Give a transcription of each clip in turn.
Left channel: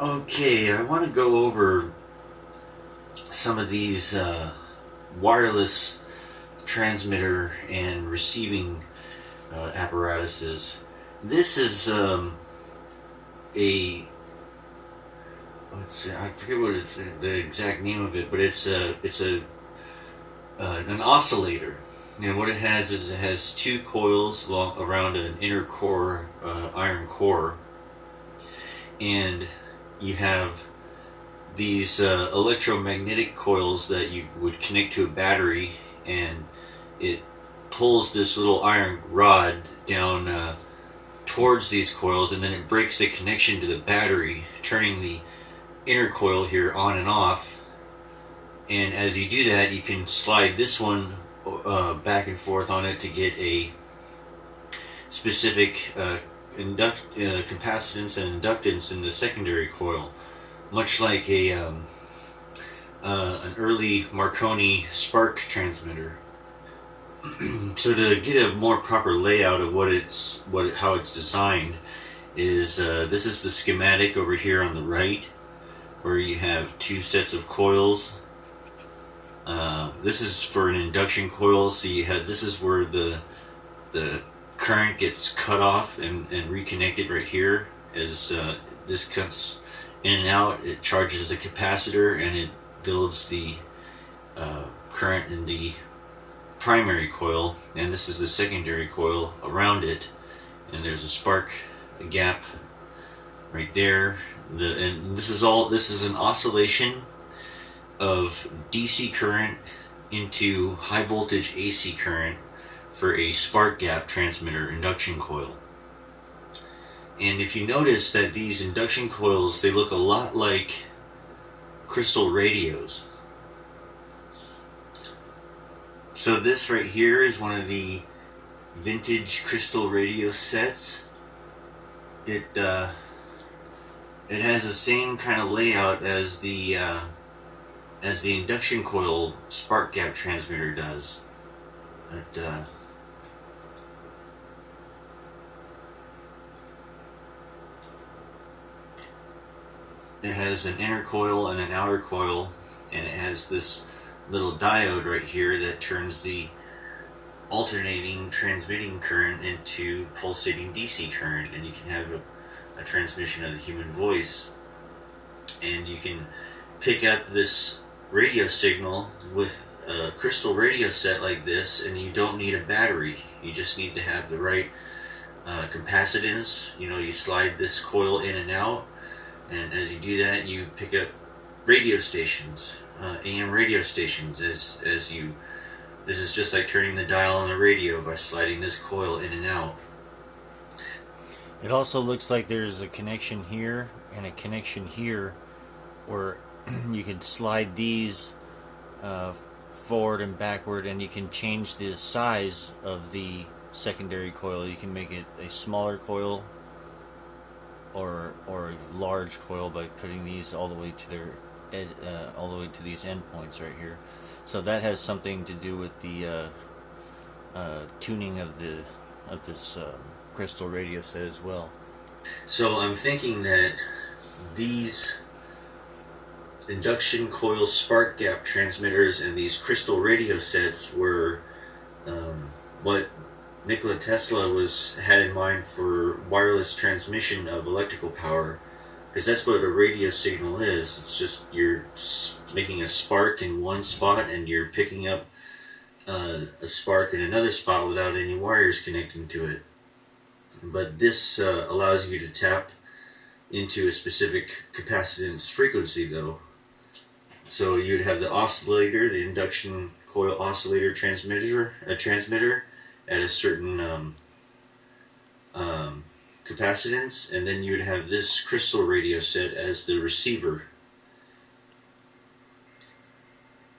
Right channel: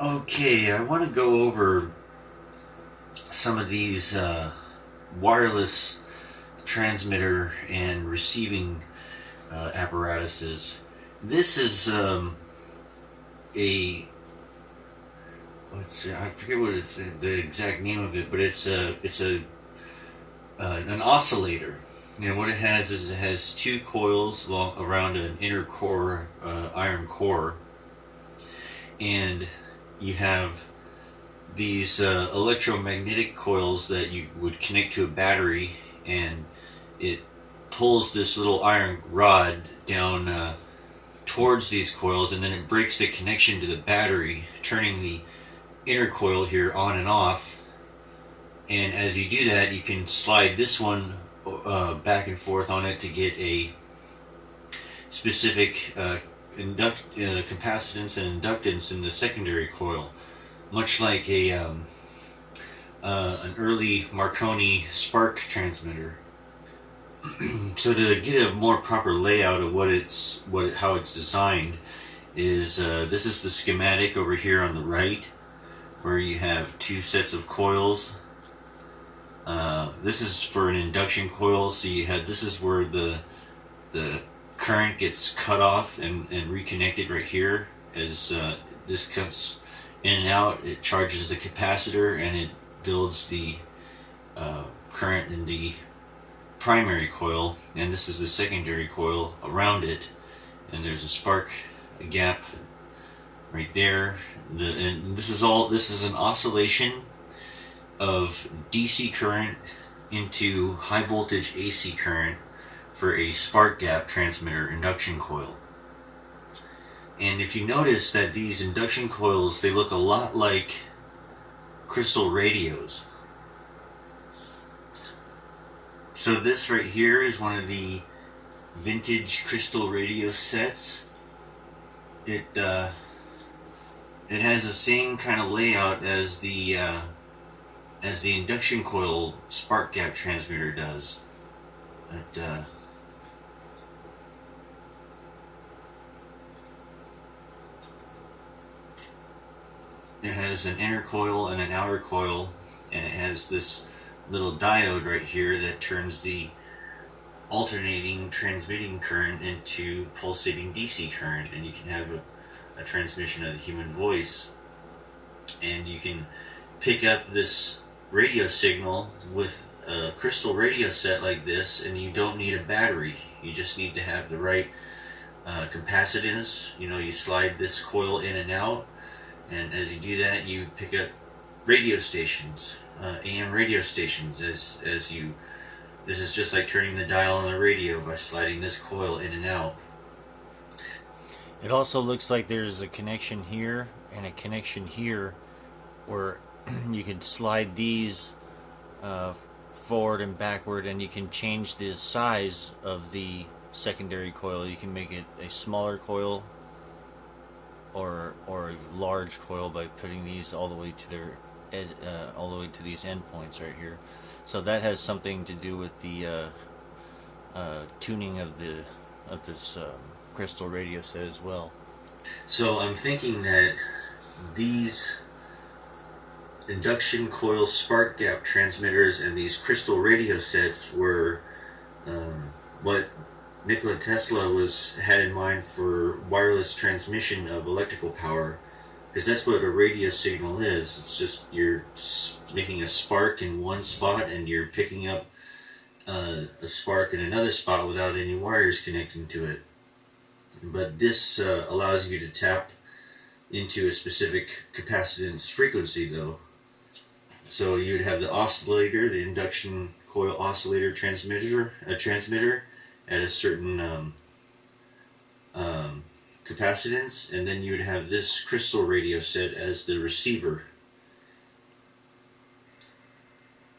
Okay, I want to go over some of these wireless transmitter and receiving apparatuses. This is a let's see, I forget what it's the exact name of it, but it's a an oscillator. And what it has is it has two coils around an inner core, iron core, and you have these electromagnetic coils that you would connect to a battery, and it pulls this little iron rod down towards these coils, and then it breaks the connection to the battery, turning the inner coil here on and off. And as you do that, you can slide this one back and forth on it to get a specific capacitance and inductance in the secondary coil, much like an early Marconi spark transmitter. So to get a more proper layout of how it's designed is this is the schematic over here on the right, where you have two sets of coils. This is for an induction coil, so this is where the current gets cut off and reconnected right here. As this cuts in and out, it charges the capacitor and it builds the current in the primary coil, and this is the secondary coil around it, and there's a spark gap right there. And this is an oscillation of DC current into high voltage AC current for a spark gap transmitter induction coil. And if you notice that these induction coils, they look a lot like crystal radios. So this right here is one of the vintage crystal radio sets. It has the same kind of layout as the induction coil spark gap transmitter does. It has an inner coil and an outer coil, and it has this little diode right here that turns the alternating transmitting current into pulsating DC current, and you can have a transmission of the human voice, and you can pick up this radio signal with a crystal radio set like this, and you don't need a battery. You just need to have the right capacitance. You slide this coil in and out, and as you do that, you pick up radio stations, AM radio stations. This is just like turning the dial on a radio by sliding this coil in and out. It also looks like there's a connection here and a connection here where you can slide these forward and backward, and you can change the size of the secondary coil. You can make it a smaller coil or a large coil by putting these all the way to these endpoints right here. So that has something to do with the tuning of this crystal radio set as well. So I'm thinking that these induction coil spark gap transmitters and these crystal radio sets were what Nikola Tesla had in mind for wireless transmission of electrical power, because that's what a radio signal is. It's just you're making a spark in one spot and you're picking up a spark in another spot without any wires connecting to it. But this allows you to tap into a specific capacitance frequency, though. So you'd have the oscillator, the induction coil oscillator transmitter at a certain capacitance, and then you would have this crystal radio set as the receiver.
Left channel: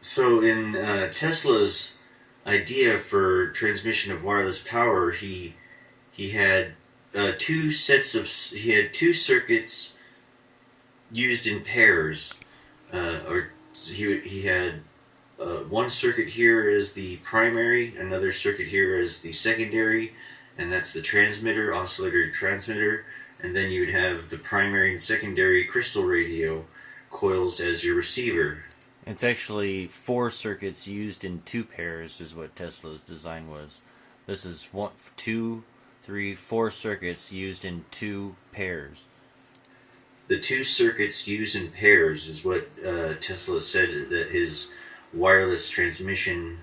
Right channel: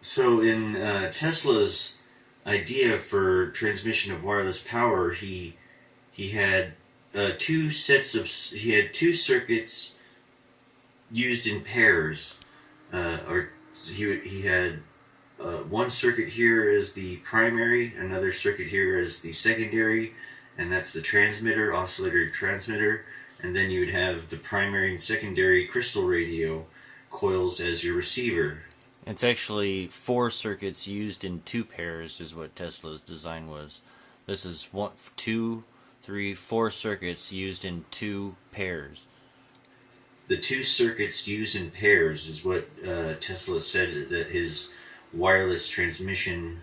So in Tesla's idea for transmission of wireless power, he had two circuits used in pairs, or he had one circuit here as the primary, another circuit here as the secondary, and that's the transmitter, oscillator transmitter. and then you would have the primary and secondary crystal radio coils as your receiver. It's actually 4 circuits used in 2 pairs is what Tesla's design was. This is 1, 2, 3, 4 circuits used in 2 pairs. The 2 circuits used in pairs is what Tesla said that his wireless transmission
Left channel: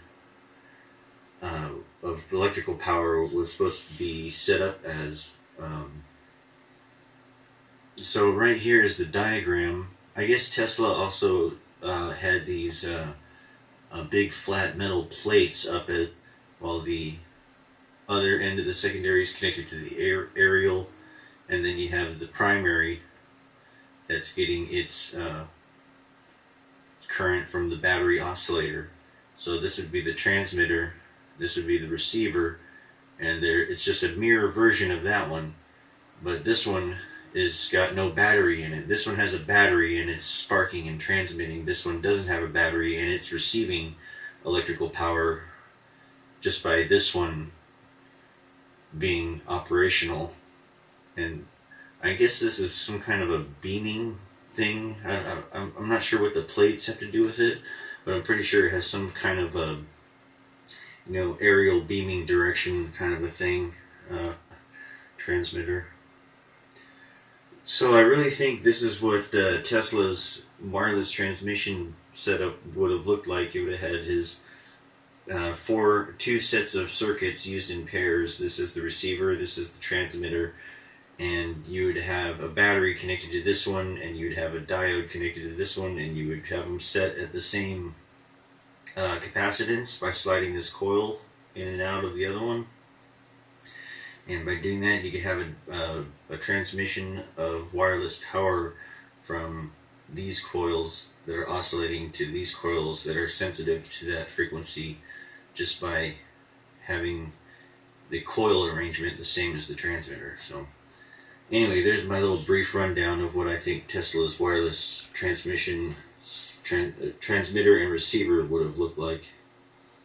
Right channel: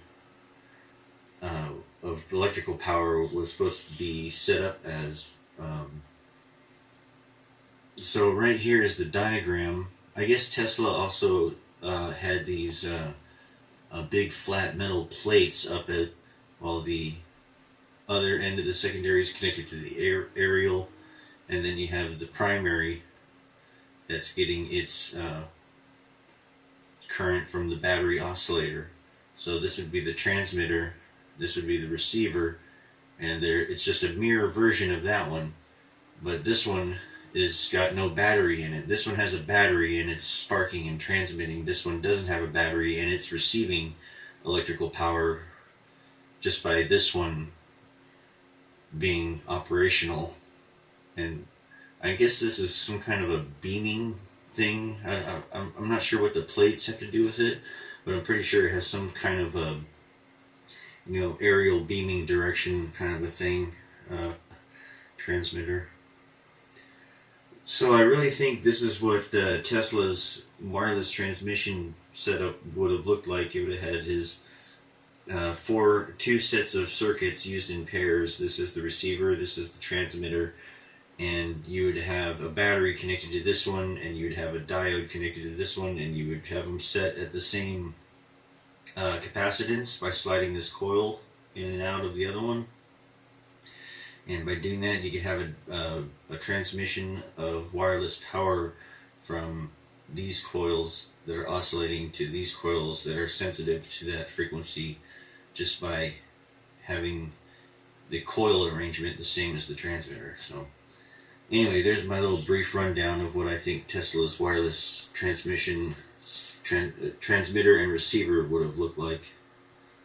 of electrical power was supposed to be set up as. So right here is the diagram. I guess Tesla also had these big flat metal plates up at, while the other end of the secondary is connected to the aerial, and then you have the primary that's getting its current from the battery oscillator. So this would be the transmitter, this would be the receiver, and it's just a mirror version of that one, but this one is got no battery in it. This one has a battery and it's sparking and transmitting. This one doesn't have a battery and it's receiving electrical power just by this one being operational. And I guess this is some kind of a beaming thing. I'm not sure what the plates have to do with it, but I'm pretty sure it has some kind of a, aerial beaming direction kind of a thing. Transmitter. So I really think this is what Tesla's wireless transmission setup would have looked like. It would have had his 2 sets of circuits used in pairs. This is the receiver, this is the transmitter, and you would have a battery connected to this one, and you would have a diode connected to this one, and you would have them set at the same capacitance by sliding this coil in and out of the other one. And by doing that, you could have a transmission of wireless power from these coils that are oscillating to these coils that are sensitive to that frequency, just by having the coil arrangement the same as the transmitter. So anyway, there's my little brief rundown of what I think Tesla's wireless transmission transmitter and receiver would have looked like.